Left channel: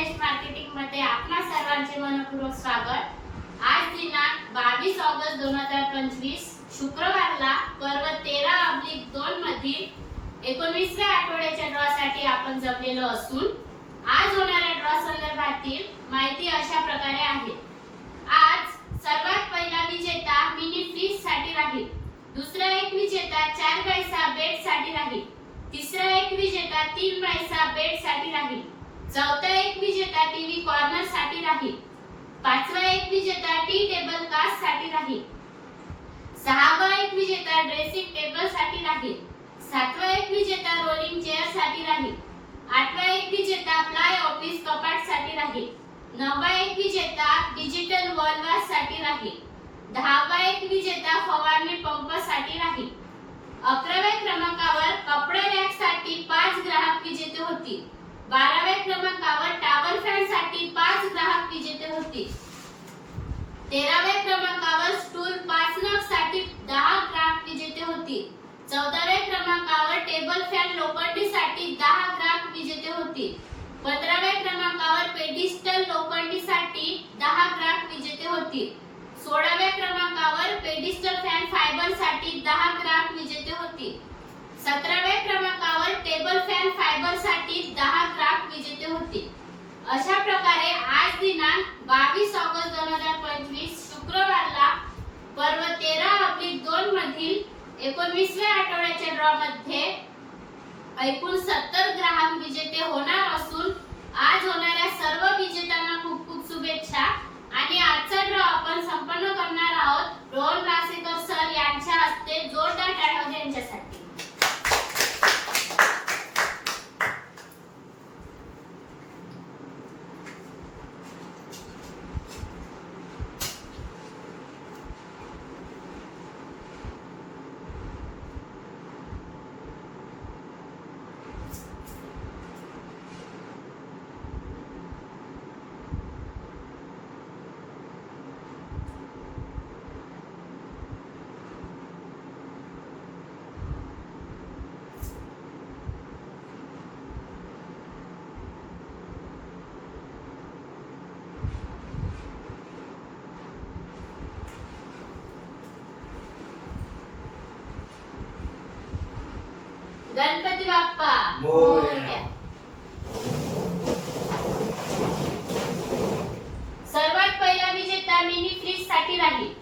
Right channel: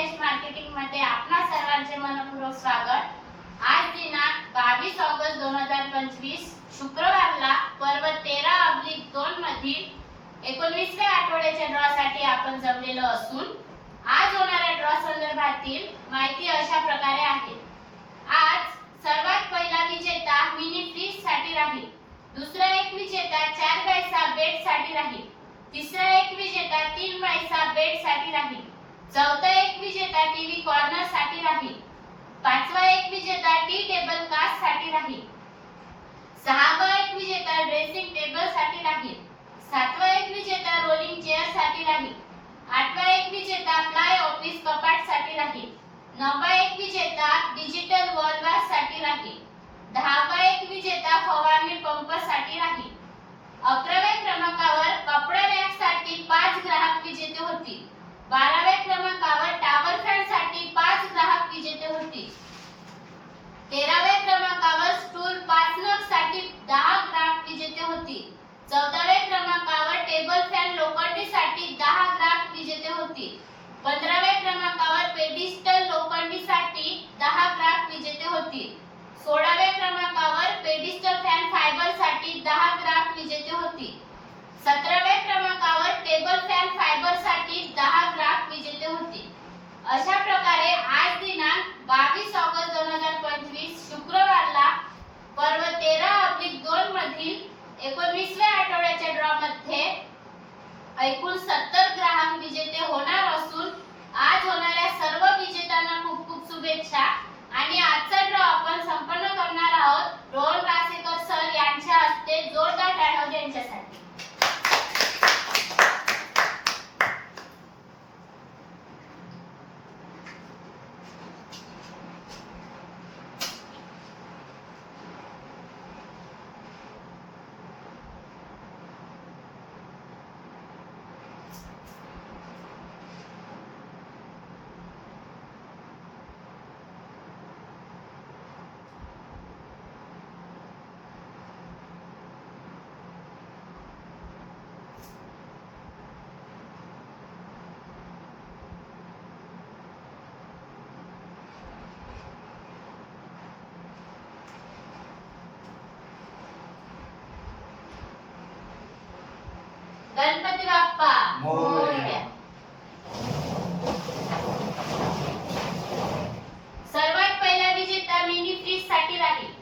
Knowledge marketing मध्ये आपणा सर्वांचे मनपूर्वक स्वागत। आज दिनांक 22 ऑगस्ट 2025 शुक्रवारला पर्व 13/2 मधील 19व्या आठवड्याच्या ड्रॉ साठी आपण जमलेलो असून आज होणाऱ्या ड्रॉ संदर्भातील माहिती अशा प्रकारे आहे। आज सर्वात पहिला विजेता मिनी फ्रीज साठी राहील, दुसरा एक विजेता 4 पैसा बेट साठी राहील, तिसरा एक विजेता 3 पैसा बेट साठी राहील, चौथा एक विजेता टीव्ही कॉर्नर साठी राहील, पाचवा एक विजेता टी टेबल कास्ट साठी राहील, सहावा एक विजेता ड्रेसिंग टेबल साठी राहील, सातवा एक विजेता रोलिंग चेअर साठी राहील, आठवा एक विजेता प्लाय ऑफिस कपाट साठी राहील, नववा एक विजेता डिजिटल वॉल वॉश साठी राहील, दहावा एक विजेता फवारणी पंप साठी राहील। 11व्या क्रमांकावर कपडे रॅक साठी 5 ग्राहक विजेते होतील, 12व्या क्रमांकावर टॉवर फॅन साठी 5 ग्राहक विजेते होतील, 13व्या क्रमांकावर स्टूल 5 नग साठी 10 ग्राहक विजेते होतील, 14व्या क्रमांकावर टेबल फॅन लोखंडी साठी 10 ग्राहक विजेते होतील, 15व्या क्रमांकावर पेडिस्टल लोखंडी साठी 10 ग्राहक विजेते होतील, 16व्या क्रमांकावर पेडिस्टल फॅन फायबर साठी 10 ग्राहक विजेते होतील, 17व्या क्रमांकावर टेबल फॅन फायबर साठी 10 ग्राहक विजेते होतील। अशा प्रकारे आज दिनांक 22 ऑगस्ट 2025 शुक्रवारला पर्व 13/2 मधील 19व्या आठवड्याच्या ड्रॉ मध्ये एकूण 70 ग्राहक विजेते होणार असून आज होणाऱ्या सर्व विजेत्यांना खूप खूप शुभेच्छा। आणि आजचा ड्रॉ आपण संपन्न करणार आहोत रोहन रासेकर सर यांच्या हस्ते। जोरदार टाळ्या त्यांच्यासाठी। गणपती बाप्पा मोरया। सर्वात पहिला विजेता मिनी फ्रीज साठी राहील,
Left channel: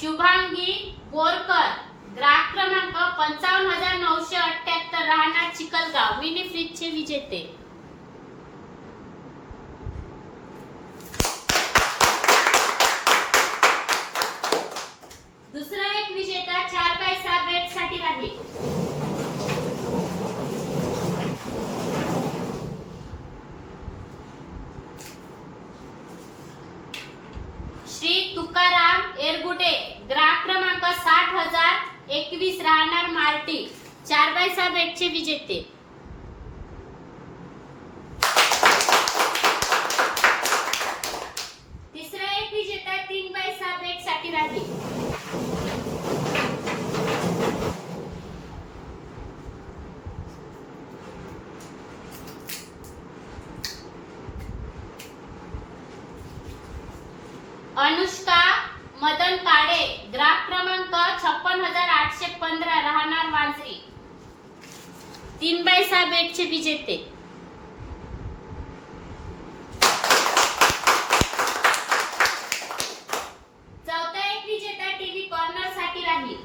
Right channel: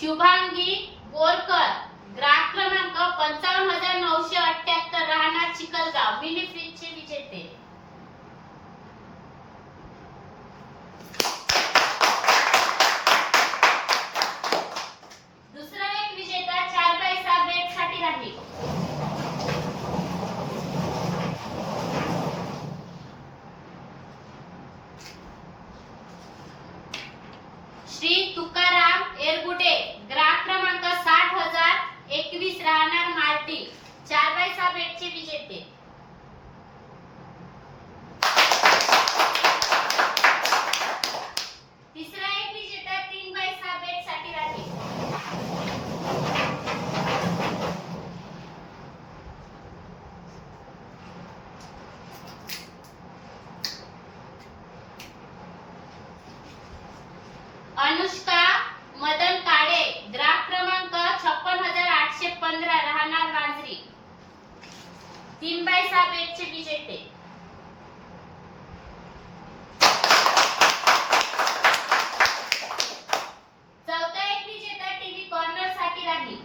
शुभांगी बोरकर, ग्राहक क्रमांक 55,978, राहणार चिखलगाव, मिनी फ्रीज चे विजेते। दुसरा एक विजेता 4 पैसा बेट साठी राहील, श्री तुकाराम एरगुटे, ग्राहक क्रमांक 60,021, राहणार मार्टी, 4 पैसा बेट चे विजेते। तिसरा एक विजेता 3 पैसा बेट साठी राहील, अनुष्का मदन काळे, ग्राहक क्रमांक 56,815, राहणार वांजरी, 3 पैसा बेट चे विजेते। चौथा एक विजेता टीव्ही कॉर्नर साठी राहील,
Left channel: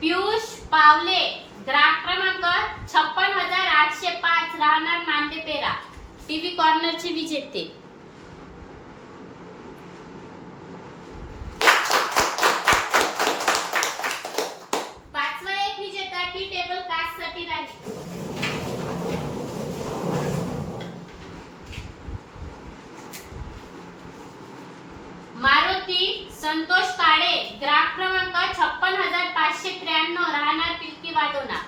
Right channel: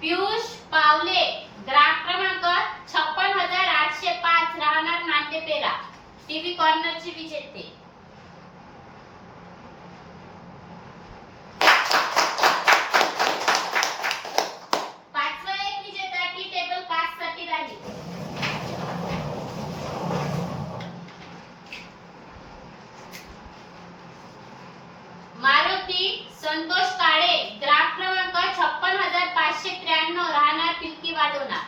पियुष पावले, ग्राहक क्रमांक 56,805, राहणार मांडेपेरा, टीव्ही कॉर्नर चे विजेते। पाचवा एक विजेता टी टेबल कास्ट साठी राहील, मारुती संतोष काळे, ग्राहक क्रमांक 56,593, राहणार पिलकी वाडोना,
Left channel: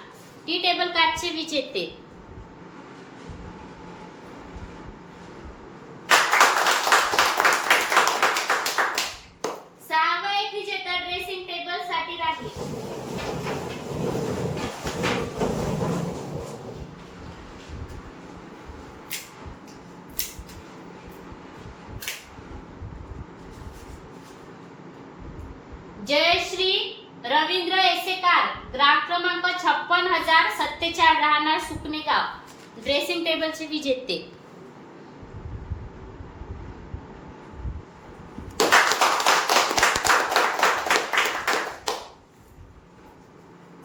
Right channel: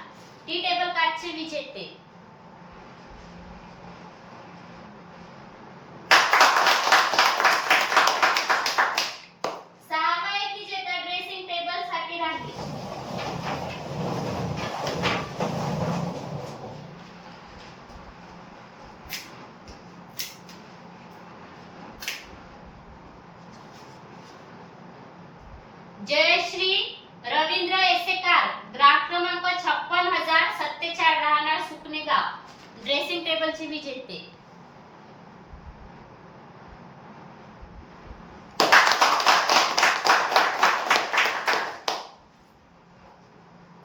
टी टेबल काचचे विजेते। जयश्री रवींद्र एसेकार, ग्राहक क्रमांक 56,047, राहणार सुकणेगाव, ड्रेसिंग टेबलचे विजेते.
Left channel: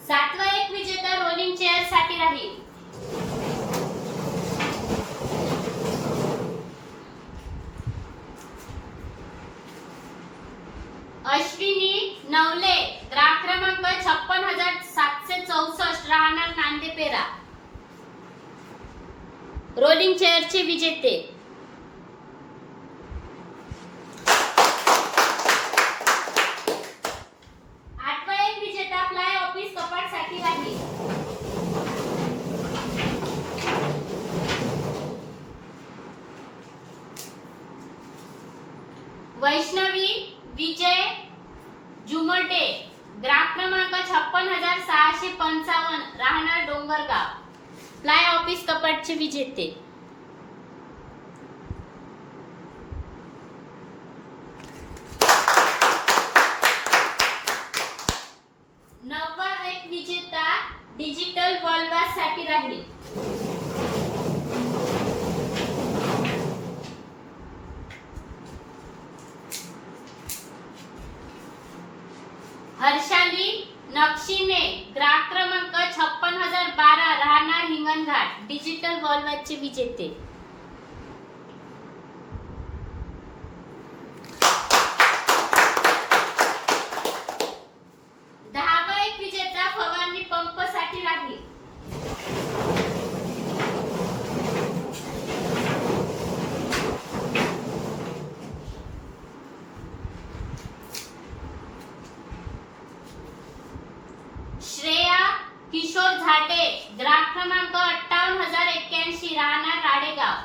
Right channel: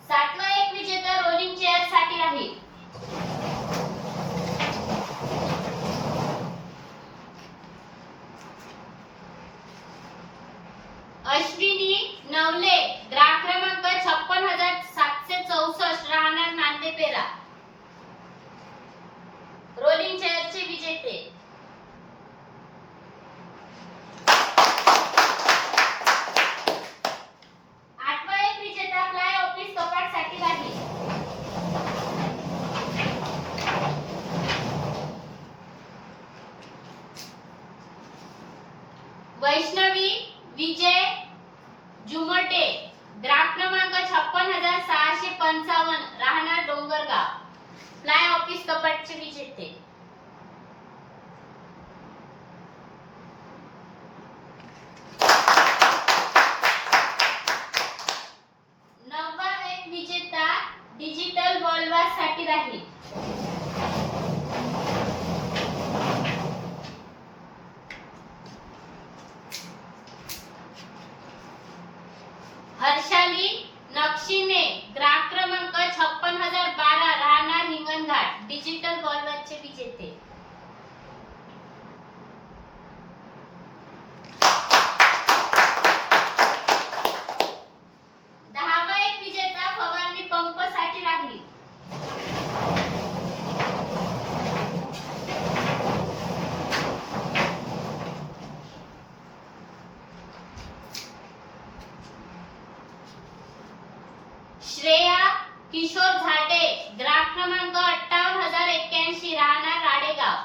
सातवा एक विजेता रोलिंग चेअर साठी राहील. अश्विनी नवले, ग्राहक क्रमांक 56,764, राहणार नांदेपेरा, रोलिंग चेअरचे विजेते. आठवा एक विजेता फ्लाय ऑफिस कपाट साठी राहील. वैष्णवी विजय जुमटे, ग्राहक क्रमांक 56,655, राहणार डोंगरगाव, फ्लाय ऑफिस कपाटचे विजेते. नववा एक विजेता डिजिटल वॉलवास साठी राहील. हर्षाली नक्षीने, ग्राहक क्रमांक 56,012, राहणार हिंगणघाट, डिजिटल वॉलवासचे विजेते. दहावा एक विजेता फवारणी पंप साठी राहील. श्रेया किशोर झाटे, ग्राहक क्रमांक 58,081, राहणार राडेगाव,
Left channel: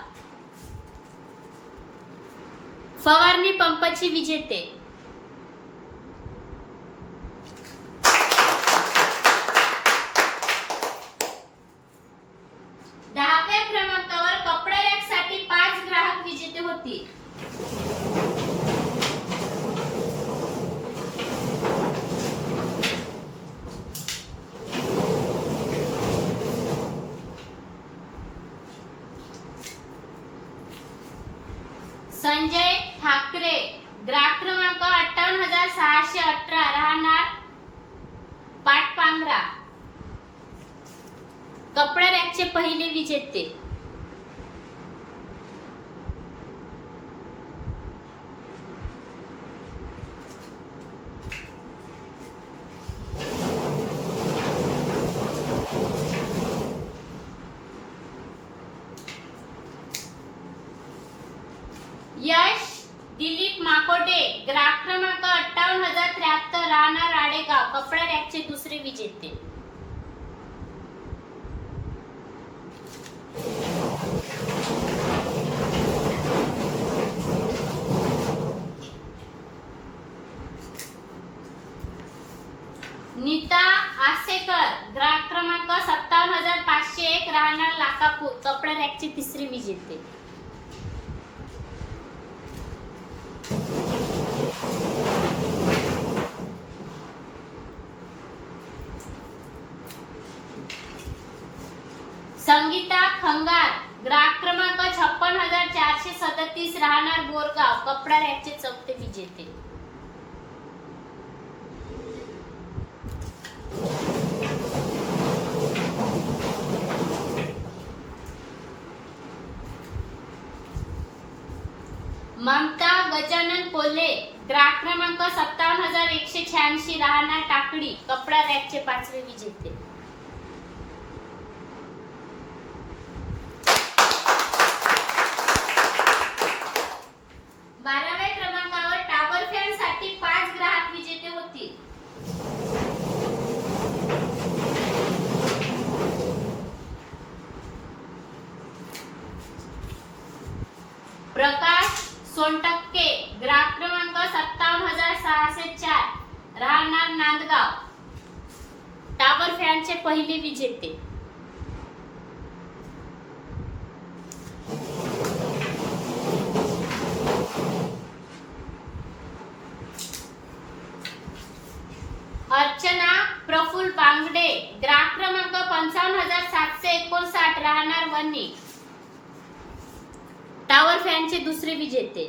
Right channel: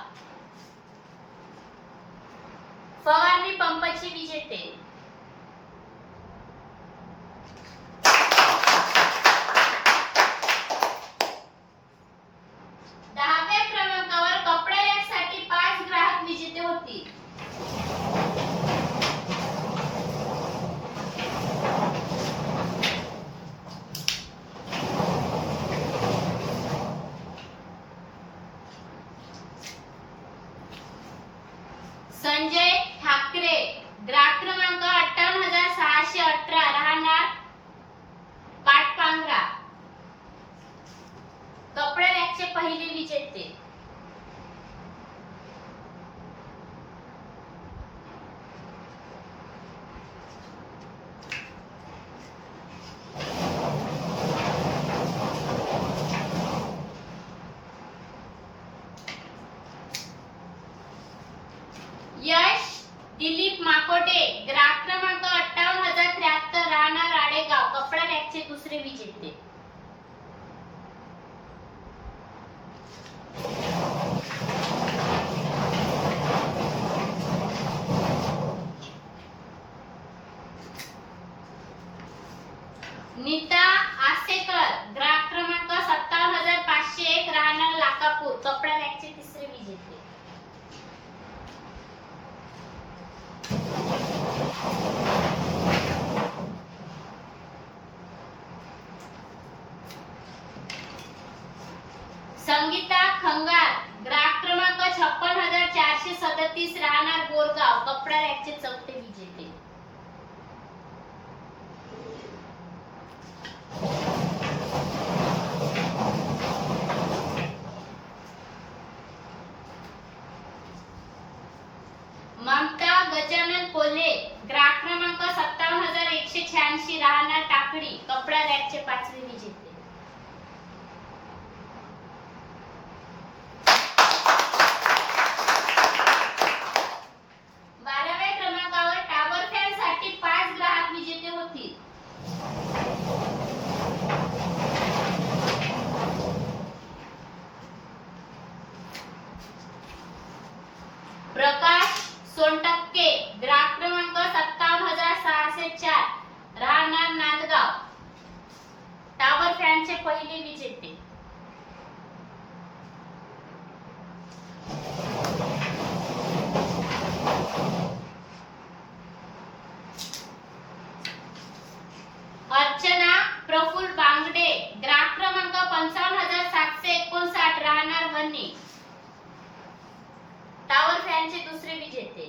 फवारणी पंपची विजेते. दहाव्या क्रमांकावर कपडे रॅक साठी 5 ग्राहक विजेते होतील. संजय ठाकरे, ग्राहक क्रमांक 58,618, राहणार पाटपांगरा, कपडे रॅकचे पहिले विजेते. यश दिलीप माकोटे, ग्राहक क्रमांक 58,073, राहणार राडेगाव, कपडा रॅकचे दुसरे विजेते. नीता आसेकर, ग्राहक क्रमांक 57,501, राहणार लाखापूर, कपडा रॅकचे तिसरे विजेते. संगीता खंगार, ग्राहक क्रमांक 56,437, राहणार बोरगाव, कपडा रॅकचे चौथे विजेते. ममता गजानन कोल्हे, ग्राहक क्रमांक 57,186, राहणार टाकडी, कपडा रॅकचे पाचवे विजेते. बाराव्या क्रमांकावर टॉवर फॅन साठी 5 ग्राहक विजेते होतील. प्रकाश सोनटक्के, ग्राहक क्रमांक 57,604, राहणार नांदगाव, टॉवर फॅनचे पहिले विजेते. अर्चना प्रफुल्ल बांगडे ग्राहक क्रमांक 55,759 राहणार वणी टावर फॅनचे दुसरे विजेते.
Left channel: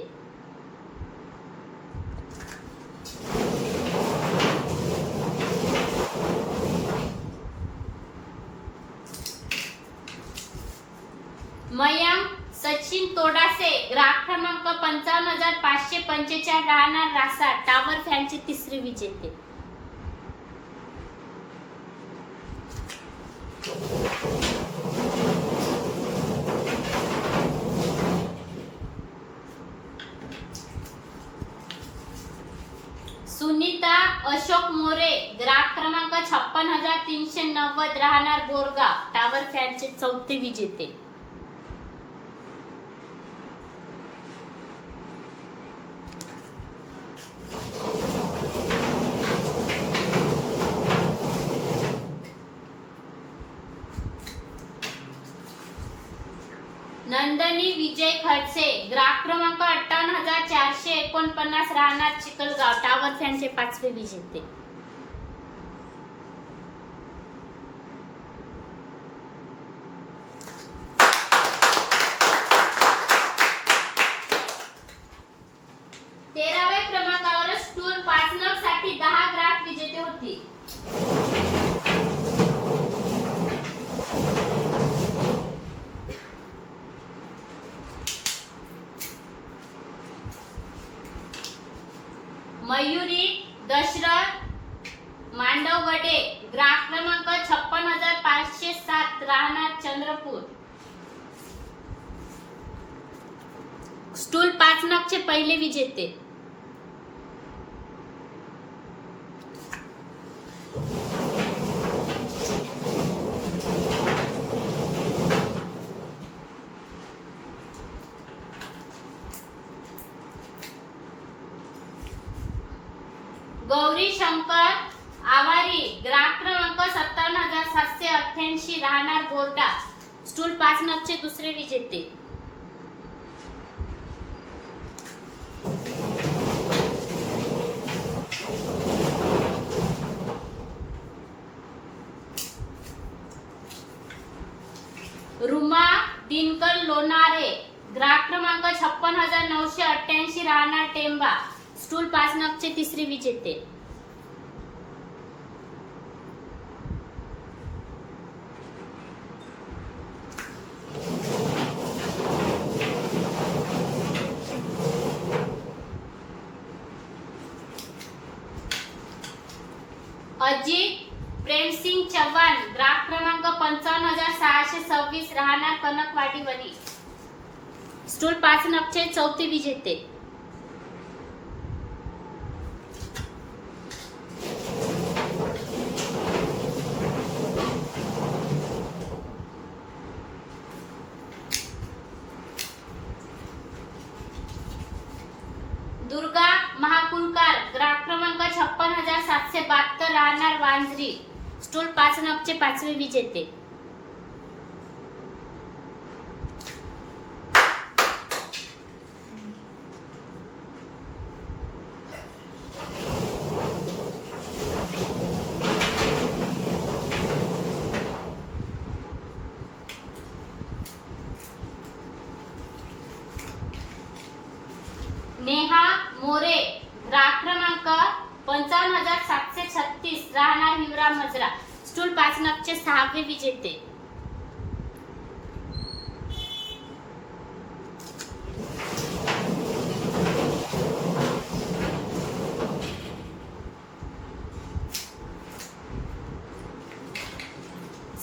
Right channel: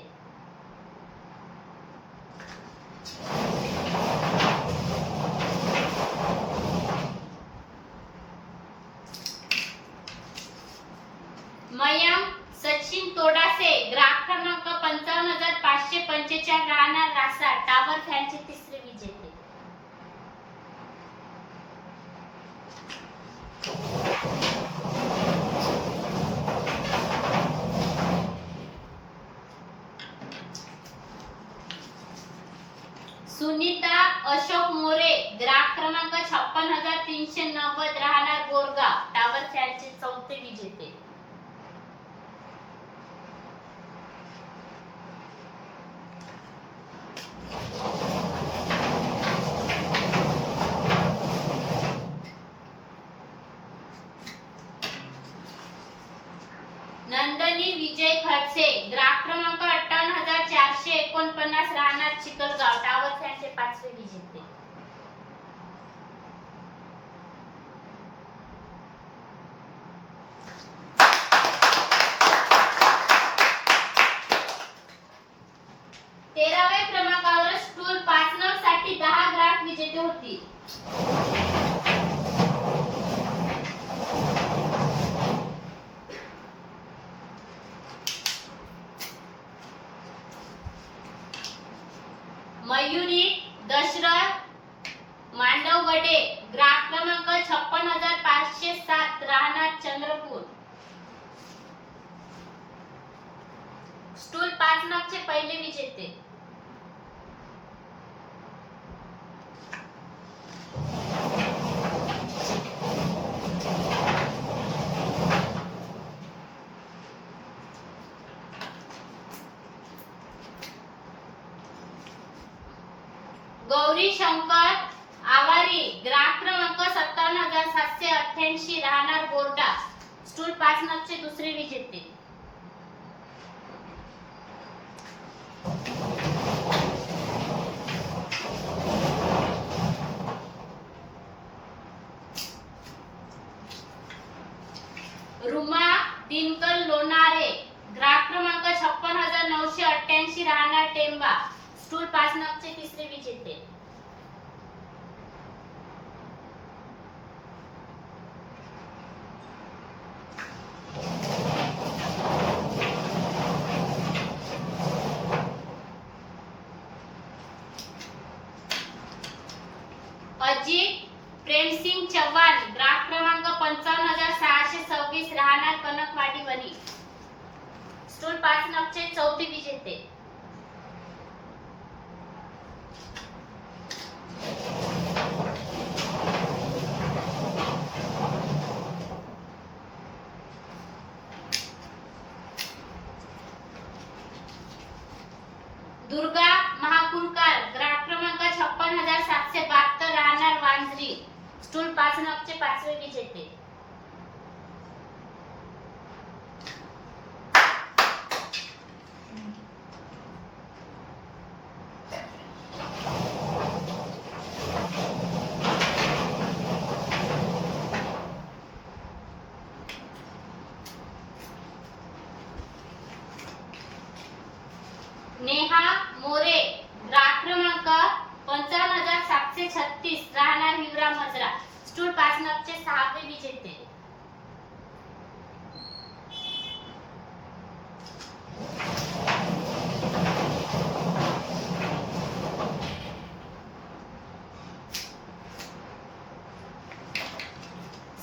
मयंक सचिन तोडासे ग्राहक क्रमांक 55,545 राहणार रासा टावर फॅनचे तिसरे विजेते. सुनीता अशोक मोरे ग्राहक क्रमांक 56,390 राहणार बोरगाव टावर फॅनचे चौथे विजेते. नंदनी विजय खडसे ग्राहक क्रमांक 58,449 राहणार चिखलगाव टावर फॅनचे पाचवे विजेते. तेराव्या क्रमांकावर स्टूल 5 नग साठी 10 ग्राहक विजेते होती. मयुरी दशरथ मांडवगडे ग्राहक क्रमांक 56,507 राहणार चंद्रपूर स्टूल 5 नगचे पहिले विजेते. गौरी शंकर आवारी ग्राहक क्रमांक 57,788 राहणार बोर्डा स्टूल 5 नगचे दुसरे विजेते. रुमा दिनकर लोणारे ग्राहक क्रमांक 56,988 राहणार टेंबा स्टूल 5 नगचे तिसरे विजेते. अजित प्रेमसिंग चव्हाण ग्राहक क्रमांक 55,626 राहणार कनकवाडी वणी स्टूल 5 नगचे चौथे विजेते. दुर्गा महाकुलकार ग्राहक क्रमांक 56,772 राहणार वांजरी स्टूल 5 नगचे पाचवे विजेते. नेहा मोरे ग्राहक क्रमांक 55,736 राहणार हिवरा मजरा स्टूल 5 नगचे सहावे विजेते.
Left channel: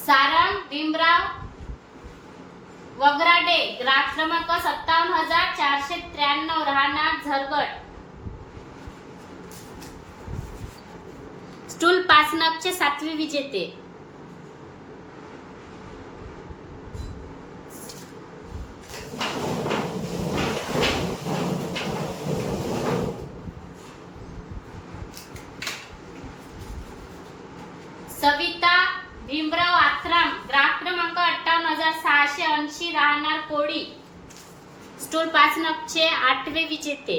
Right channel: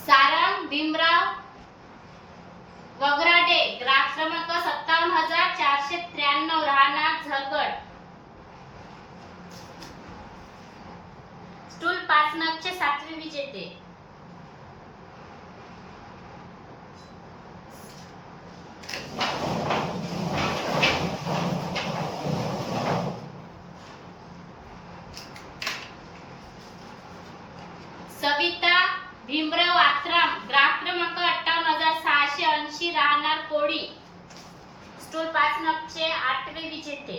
सारंग भीमराव वगराडे ग्राहक क्रमांक 57,493 राहणार झरगड स्टूल 5 नगचे सातवे विजेते. सविता भीमराव आत्राम ग्राहक क्रमांक 58,680 राहणार कोळी स्टूल 5 नगचे आठवे विजेते.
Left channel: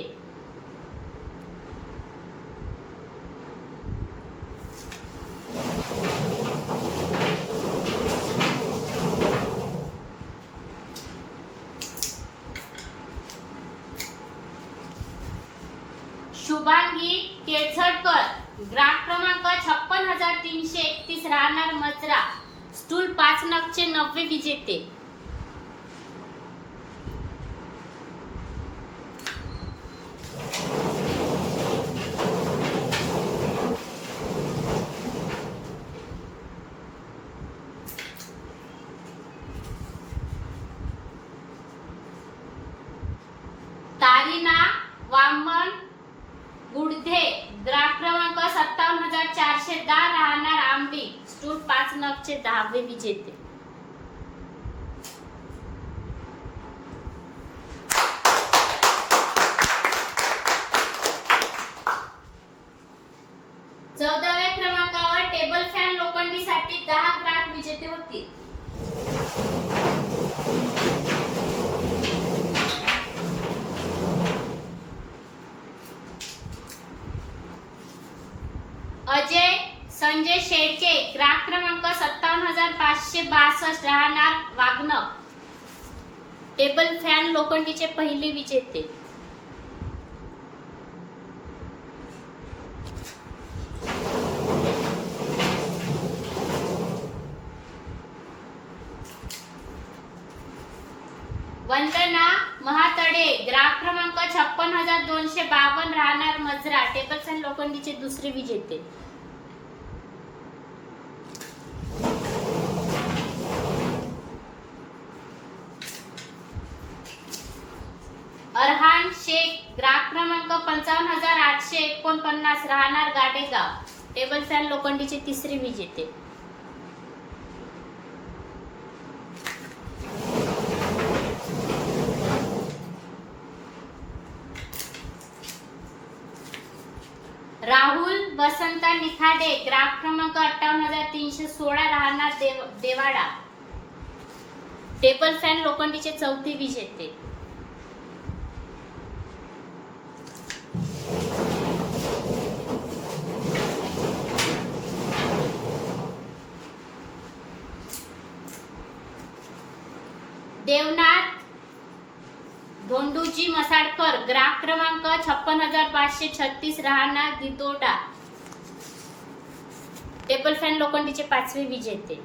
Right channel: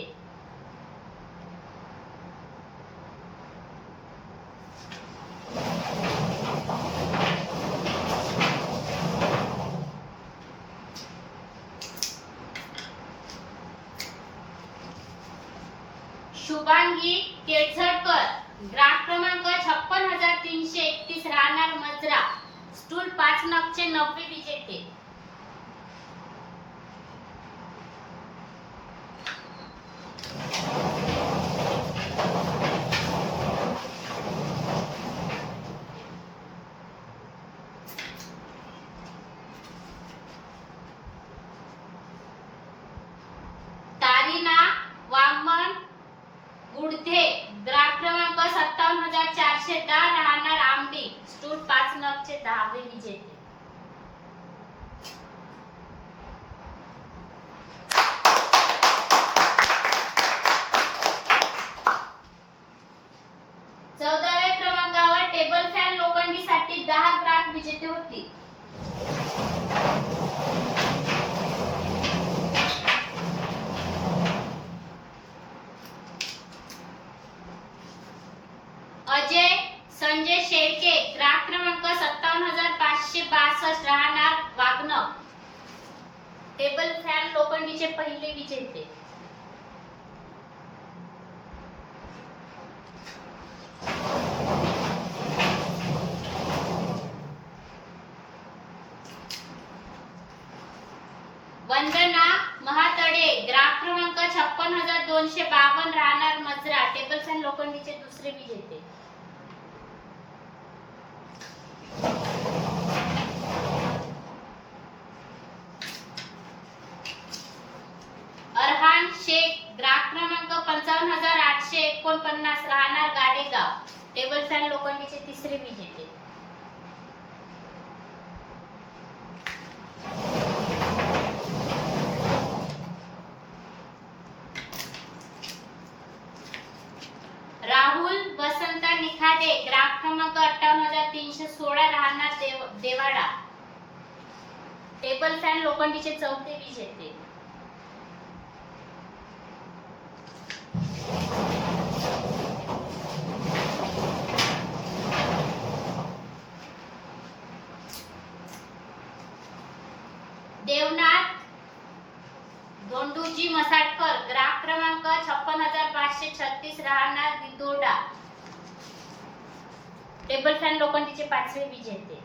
केळझरकर ग्राहक क्रमांक 56,331 राहणार मजरा स्टूल 5 नगचे 90 विजेते. तारीना वामन गुडधे ग्राहक क्रमांक 57,410 राहणार आमटी स्टूल 5 नगचे 10वे विजेते. चौदाव्या क्रमांकावर टेबल फॅन लोखंडीसाठी 10 ग्राहक विजेते होतील. अजय संजय शेळके ग्राहक क्रमांक 57,562 राहणार वागणं टेबल फॅन लोखंडीचे पहिले विजेते. वंदना महातडे ग्राहक क्रमांक 56,252 राहणार मजरा टेबल फॅन लोखंडीचे दुसरे विजेते. अरहान शेख ग्राहक क्रमांक 55,849 राहणार गाडेगाव टेबल फॅन लोखंडीचे तिसरे विजेते. राहुल वसंत निखाडे ग्राहक क्रमांक 58,316 राहणार देवाडा टेबल फॅन लोखंडीचे चौथे विजेते. देवनाथ धोंडूजी मसाडकर ग्राहक क्रमांक 56,536 राहणार दितोडा टेबल फॅन लोखंडीचे 5वे विजेते.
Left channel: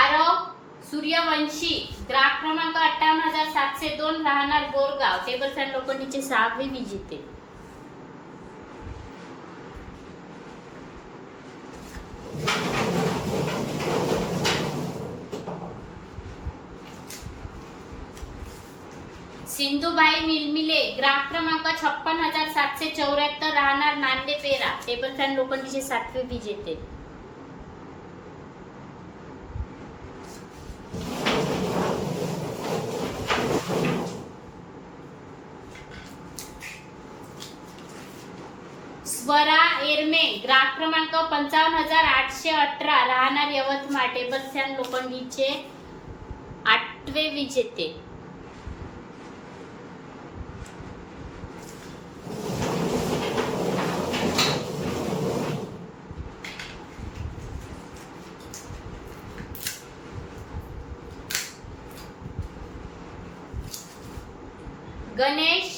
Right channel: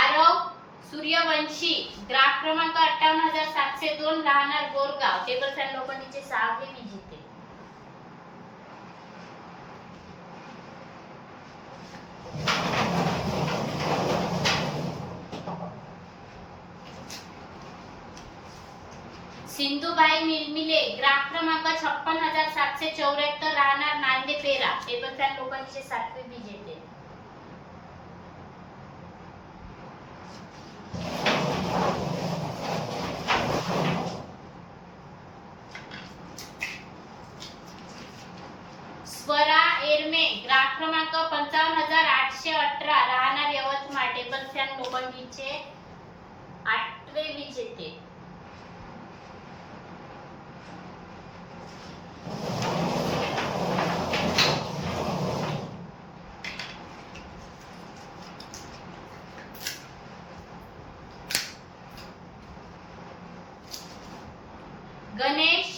आरव सूर्यवंशी ग्राहक क्रमांक 58,702 राहणार बोरगाव टेबल फॅन लोखंडीचे 6वे विजेते. सिंधुबाई मिलमिले ग्राहक क्रमांक 56,774 राहणार नांदेपेरा टेबल फॅन लोखंडीचे 7वे विजेते. स्वरा एरमे ग्राहक क्रमांक 55,818 राहणार यवतमाळ टेबल फॅन लोखंडीचे 8वे विजेते. गणेश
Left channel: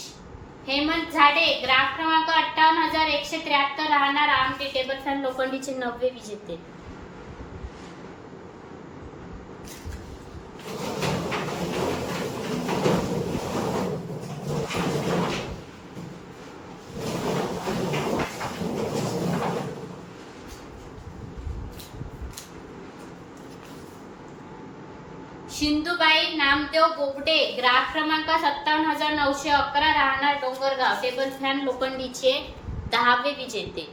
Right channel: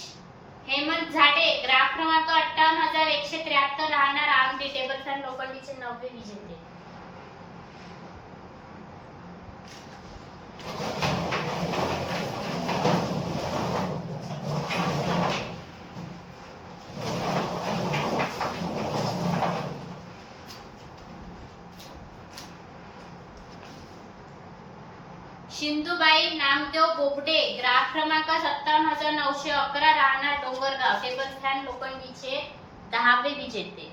हेमंत झाडे ग्राहक क्रमांक 58,173 राहणार आमटी टेबल फॅन लोखंडीचे 9वे विजेते. सिंधुबाई नामदेव बोबडे ग्राहक क्रमांक 57,911 राहणार डोंगरगाव टेबल फॅन लोखंडीचे 10वे विजेते.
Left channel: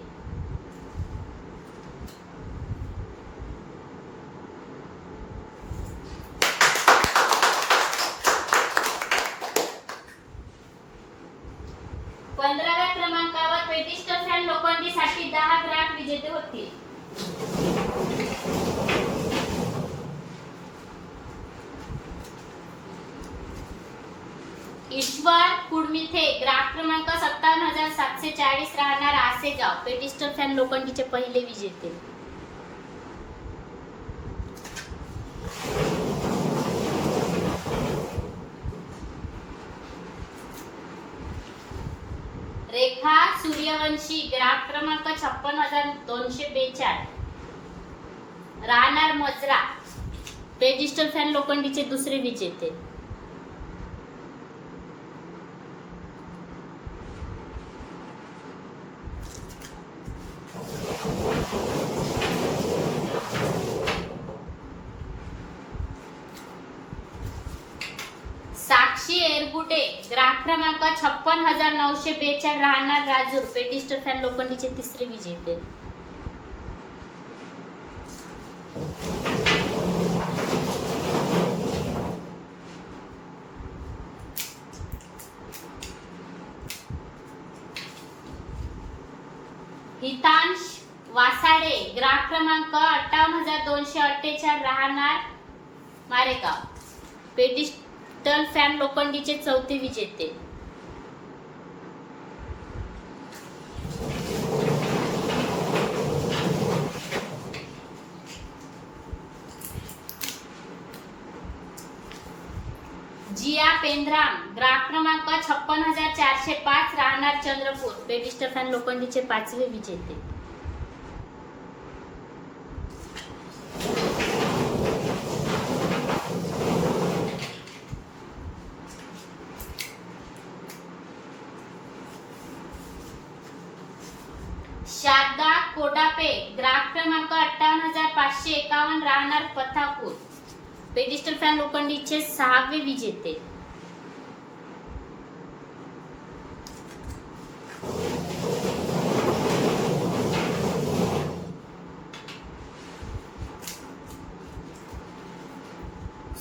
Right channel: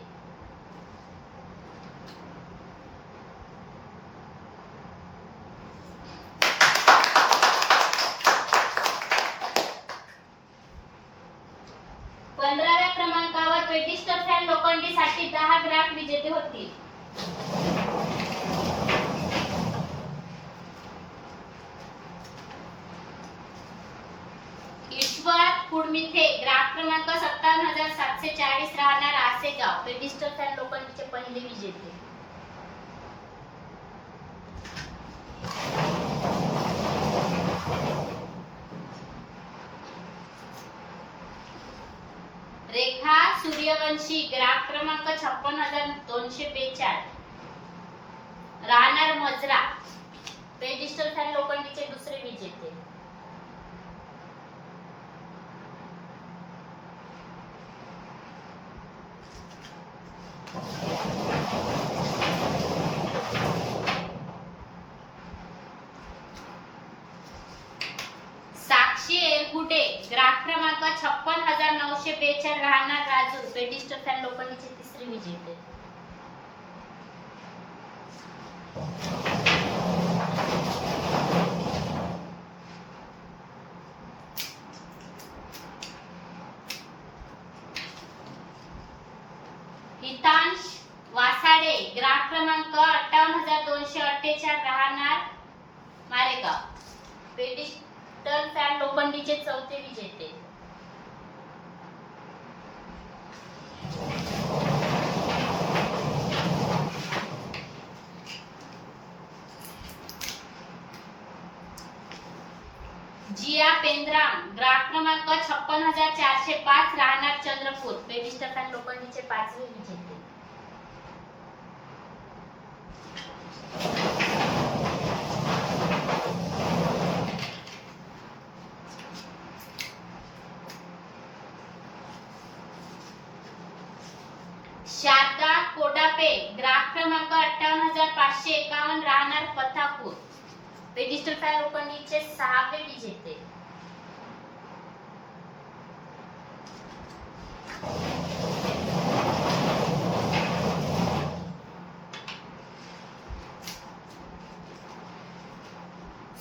पंधराव्या क्रमांकावर पेटिस्टर फॅन लोखंडीसाठी 10 ग्राहक विजेते होतील. ईश्वर कुडमिथे ग्राहक क्रमांक 57,740 राहणार आसेगाव पेटिस्टर फॅन लोखंडीचे पहिले विजेते. सूर्यवंशी ग्राहक क्रमांक 56,242 राहणार मजरा पेडिस्टल फॅन लोखंडीचे दुसरे विजेते. साक्षी एरगुडे ग्राहक क्रमांक 56,942 राहणार राजूर पेडिस्टल फॅन लोखंडीचे तिसरे विजेते. हितांश वासाडे ग्राहक क्रमांक 58,248 राहणार मारेगाव पेडिस्टल फॅन लोखंडीचे चौथे विजेते. जिया पेंद्राम ग्राहक क्रमांक 56,405 राहणार चंद्रपूर पेडिस्टल फॅन लोखंडीचे पाचवे विजेते. शारदा कोडापे ग्राहक क्रमांक 58,551 राहणार पथापूर पेडिस्टल फॅन लोखंडीचे सहावे विजेते.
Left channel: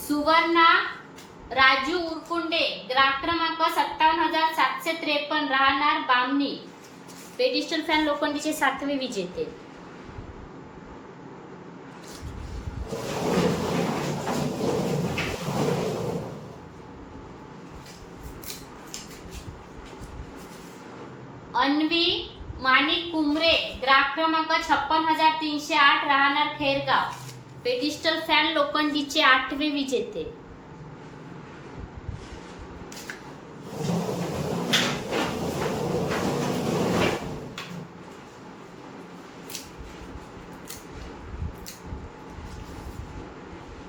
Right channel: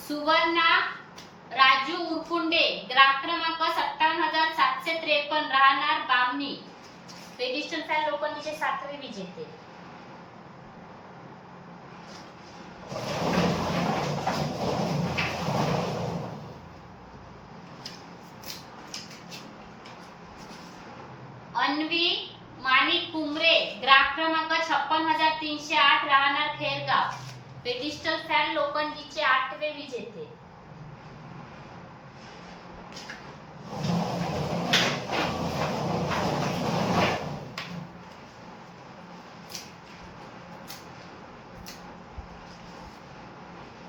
सुवर्णा राजू उरकुंडे ग्राहक क्रमांक 57,753 राहणार बामणी पेडिस्टल फॅन लोखंडीचे सातवे विजेते. अन्वी माणिक कुमरे ग्राहक क्रमांक 56,308 राहणार खैरगाव पेडिस्टल फॅन लोखंडीचे आठवे विजेते.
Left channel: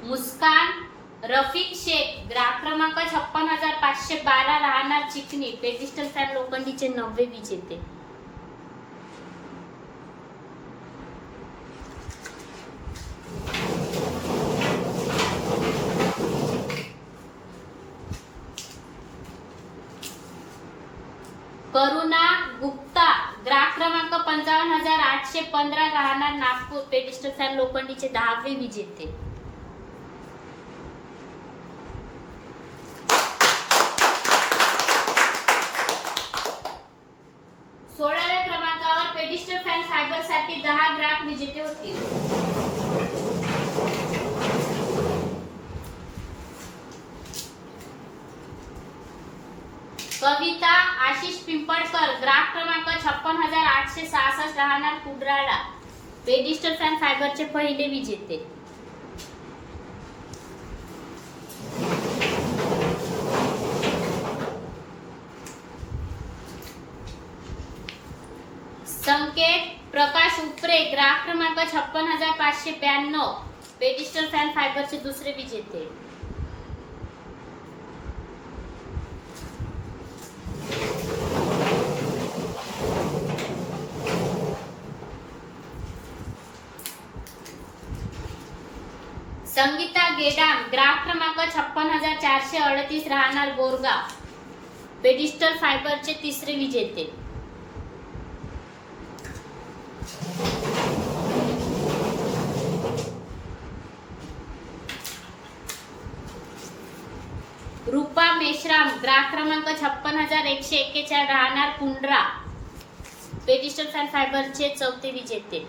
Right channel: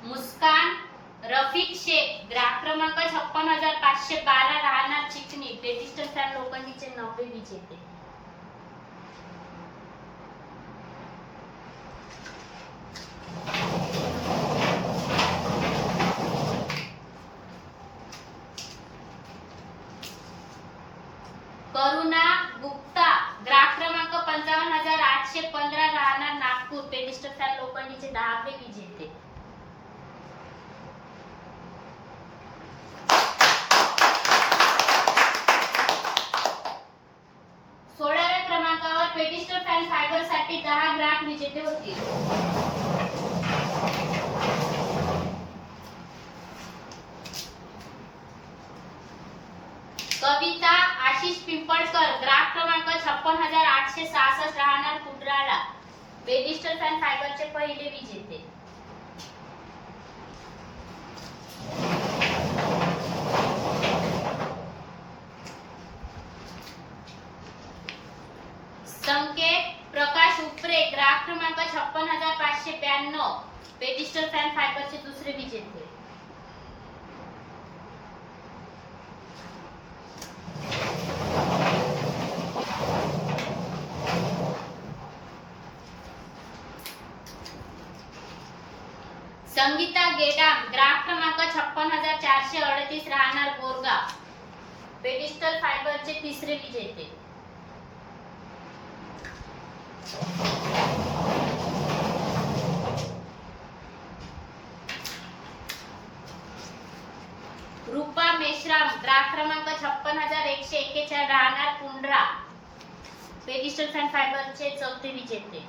मुस्कान रफिक शेख ग्राहक क्रमांक 56,512 राहणार चिकणी पेडिस्टल फॅन लोखंडीचे नववे विजेते. करुणा गुप्ता ग्राहक क्रमांक 55,815 राहणार नागपूर पेडिस्टल फॅन लोखंडीचे 10वे विजेते. पेडिस्टल फॅन फायबर साठी 10 ग्राहक विजेते होतील. कविता आशिष पिंपळकर ग्राहक क्रमांक 56,866 राहणार कुडराळा पेडिस्टल फॅन फायबरचे पहिले विजेते. संकेत प्रकाश उपरे ग्राहक क्रमांक 56,592 पेडिस्टल फॅन फायबरचे दुसरे विजेते. संगीता गेडाम ग्राहक क्रमांक 56,438 राहणार बोरगाव पेडिस्टल फायबरचे तिसरे विजेते. रूपा मेश्राम ग्राहक क्रमांक 56,141 राहणार कुंड्रा पेडिस्टल फॅन फायबरचे चौथे विजेते.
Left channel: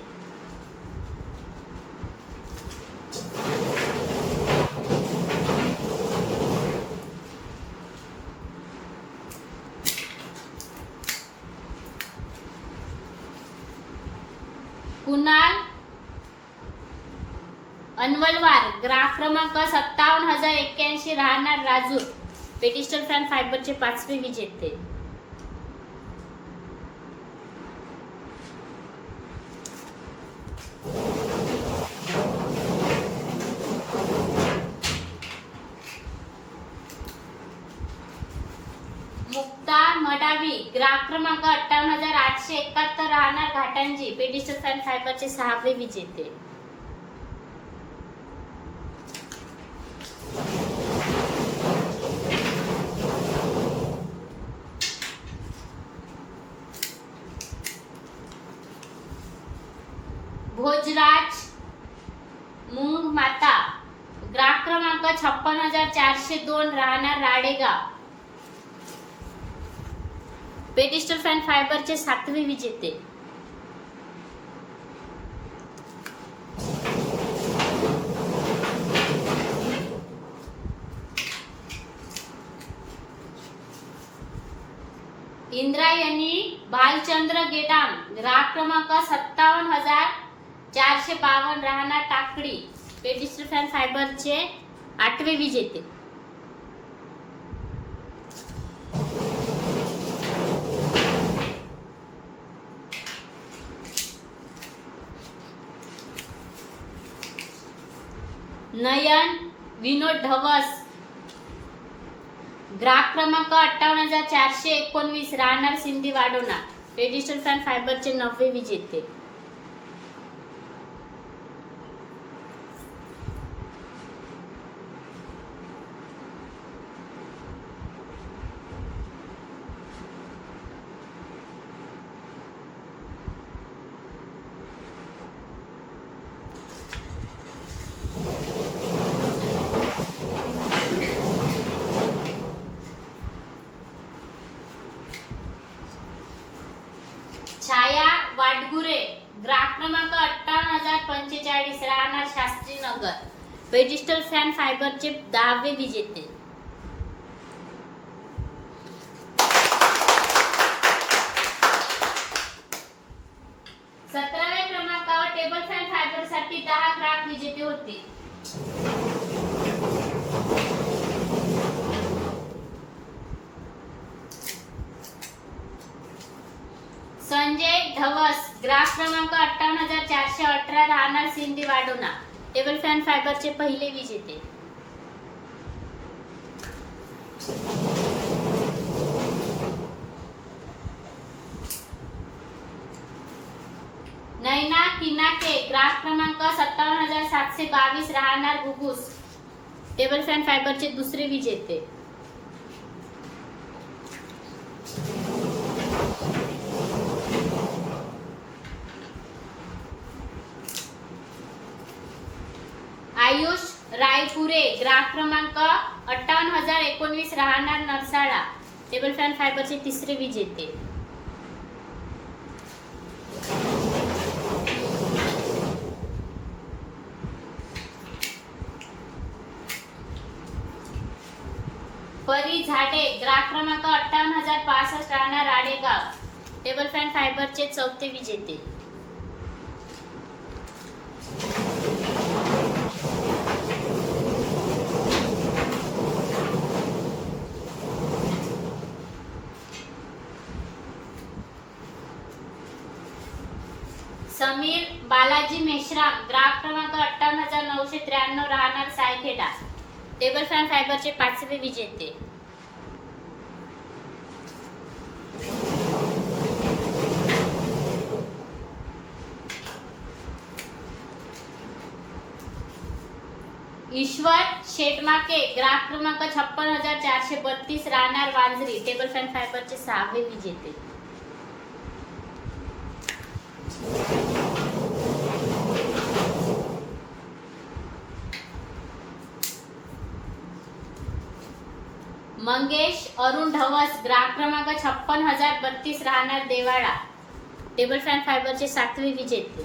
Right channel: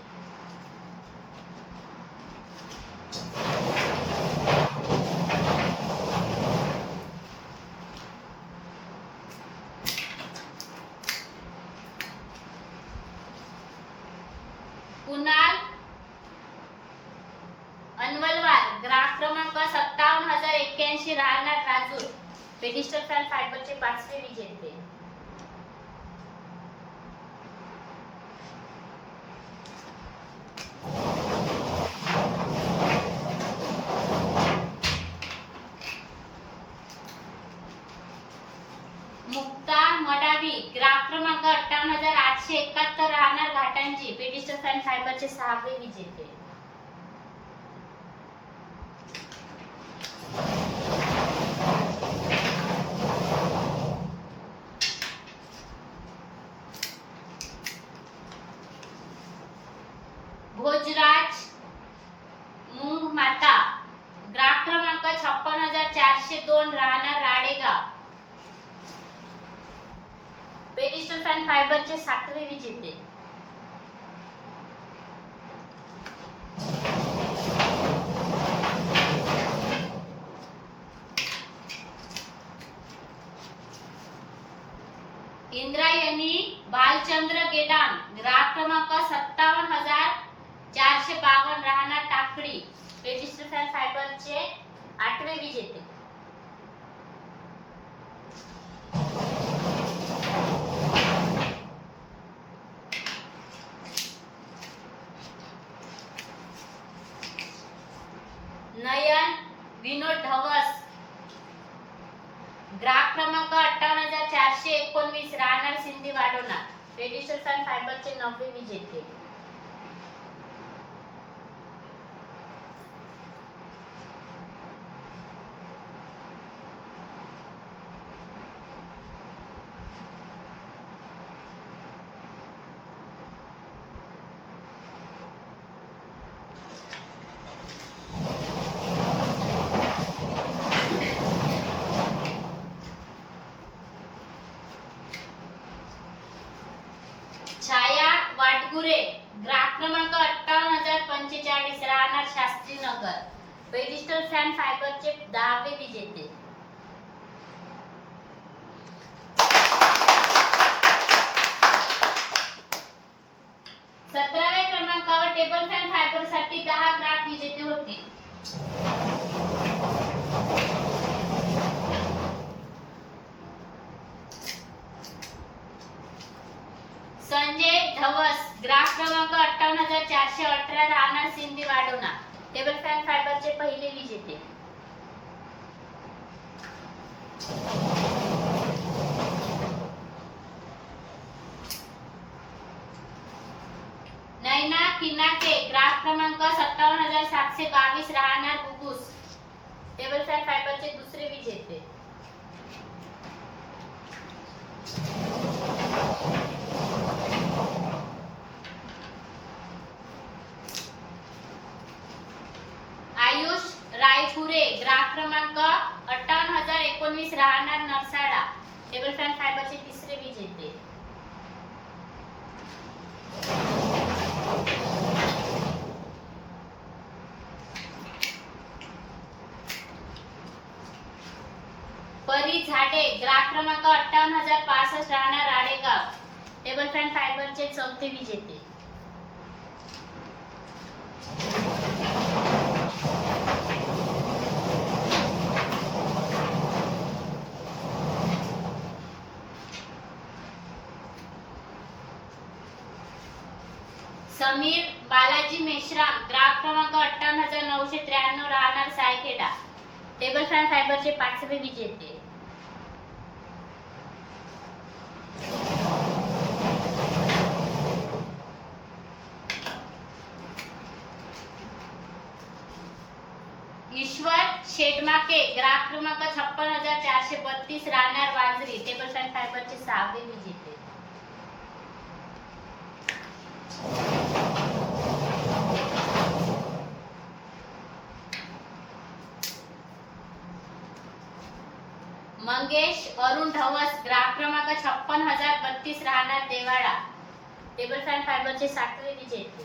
कुणाल अनवलवार ग्राहक क्रमांक 57,081 राहणार राजूर पेडिस्टल फॅन फायबरचे पाचवे विजेते. ग्राहक क्रमांक 58,871 राहणार घाटंजी पेडिस्टर फॅन फायबरचे 6वे विजेते. भोजराज मूंग माता ग्राहक क्रमांक 56,402 राहणार राडेगाव पेडिस्टर फॅन फायबरचे 7वे विजेते. इंद्रायणी भालचंद्र गेडाम ग्राहक क्रमांक 57,452 राहणार टाकडी पेडिस्टर फॅन फायबरचे 8वे विजेते. नयन विनोद ढवस ग्राहक क्रमांक 58,419 राहणार सिंधी वाडोना पेडिस्टर फॅन फायबरचे 9वे विजेते. छाया वाटगुरे ग्राहक क्रमांक 58,045 राहणार शास्त्रीनगर पेडिस्टर फॅन फायबरचे 10वे विजेते. सतराव्या क्रमांकावर टेबल फॅन फायबरसाठी 10 ग्राहक विजेते होते. संजय धवस ग्राहक क्रमांक 58,418 राहणार सिंधी वाडोना टेबल फॅन फायबरचे 1ले विजेते. नैना किनाके ग्राहक क्रमांक 57,722 राहणार गुगुस टेबल फॅन फायबरचे 2रे विजेते. आयुष रायपुरे ग्राहक क्रमांक 58,019 राहणार नरसाडा टेबल फॅन फायबरचे 3रे विजेते. परी झाडे ग्राहक क्रमांक 58,065 राहणार राडेगाव टेबल फॅन फायबरचे 4थे विजेते. समीर बालाजी मेश्राम ग्राहक क्रमांक 58,993 राहणार सायखेडा टेबल फॅन फायबरचे 5वे विजेते. ईश्वर शेटमाके ग्राहक क्रमांक 56,432 राहणार वांजरी टेबल फॅन फायबरचे 6वे विजेते. मंगेश अरुण ढवस ग्राहक क्रमांक 56,032 राहणार देवाळा टेबल फॅन फायबरचे 7वे विजेते.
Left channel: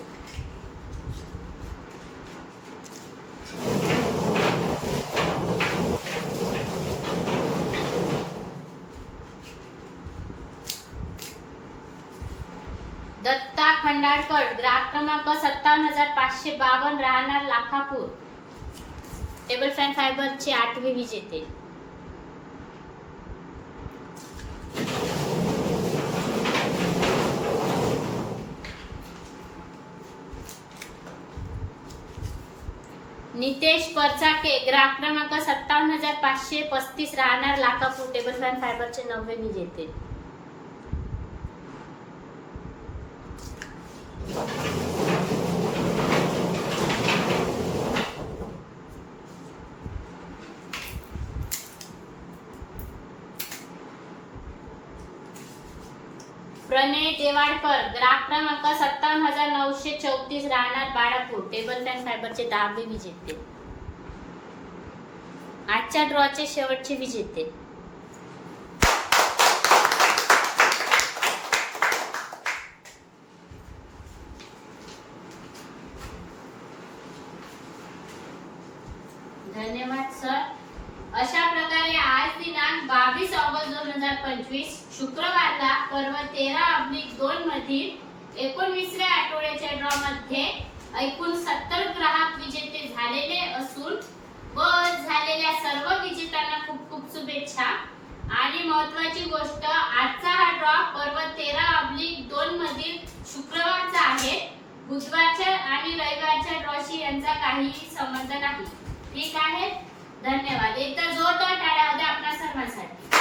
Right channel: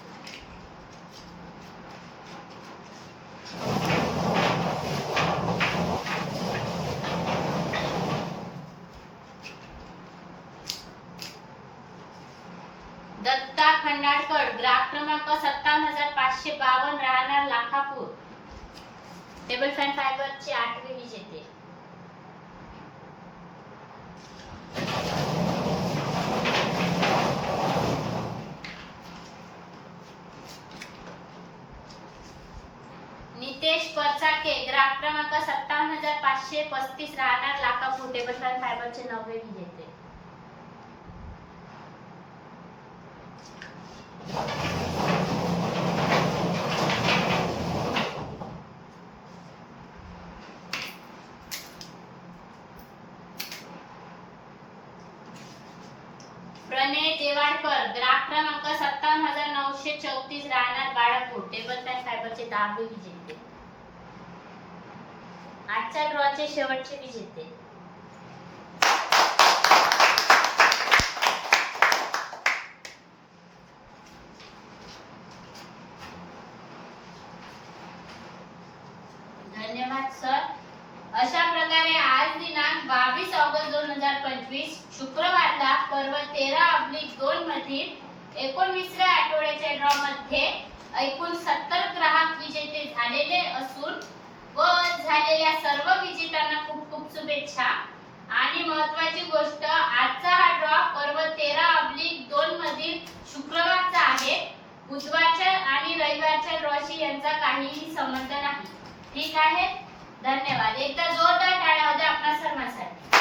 दत्ता खंडाळकर ग्राहक क्रमांक 57,552 राहणार लाखापूर टेबल फॅन फायबरचे 8वे विजेते. नितेश परचाके ग्राहक क्रमांक 57,535 राहणार लाखापूर टेबल फॅन फायबरचे 9वे विजेते. देवाडकर, ग्राफ क्रमांक 57,934, राहणार बाळापूर, टेबल फॅन फायबरचे 10वे विजेते, आजच्या ड्रॉचे शेवटचे विजेते. धन्यवाद सर. अशा प्रकारे आज दिनांक 22 ऑगस्ट 2025 शुक्रवारला पर्व 13/2 मधील 19व्या आठवड्याच्या ड्रॉ मध्ये एकूण 70 ग्राहक विजेते झालेले असून व झालेल्या सर्व विजेत्यांना खूप खूप शुभेच्छा. आणि महत्त्वाची गोष्ट, आजचा हा ड्रॉ पर्व 13/2 मधील शुक्रवारचा आहे. बुधवारच्या आणि रविवारच्या ड्रॉशी यांचा काहीही संबंध नाही. ठीक आहे. धन्यवाद. एकदा जोरदार टाळ्या होत्या आपल्या सर्वांसाठी.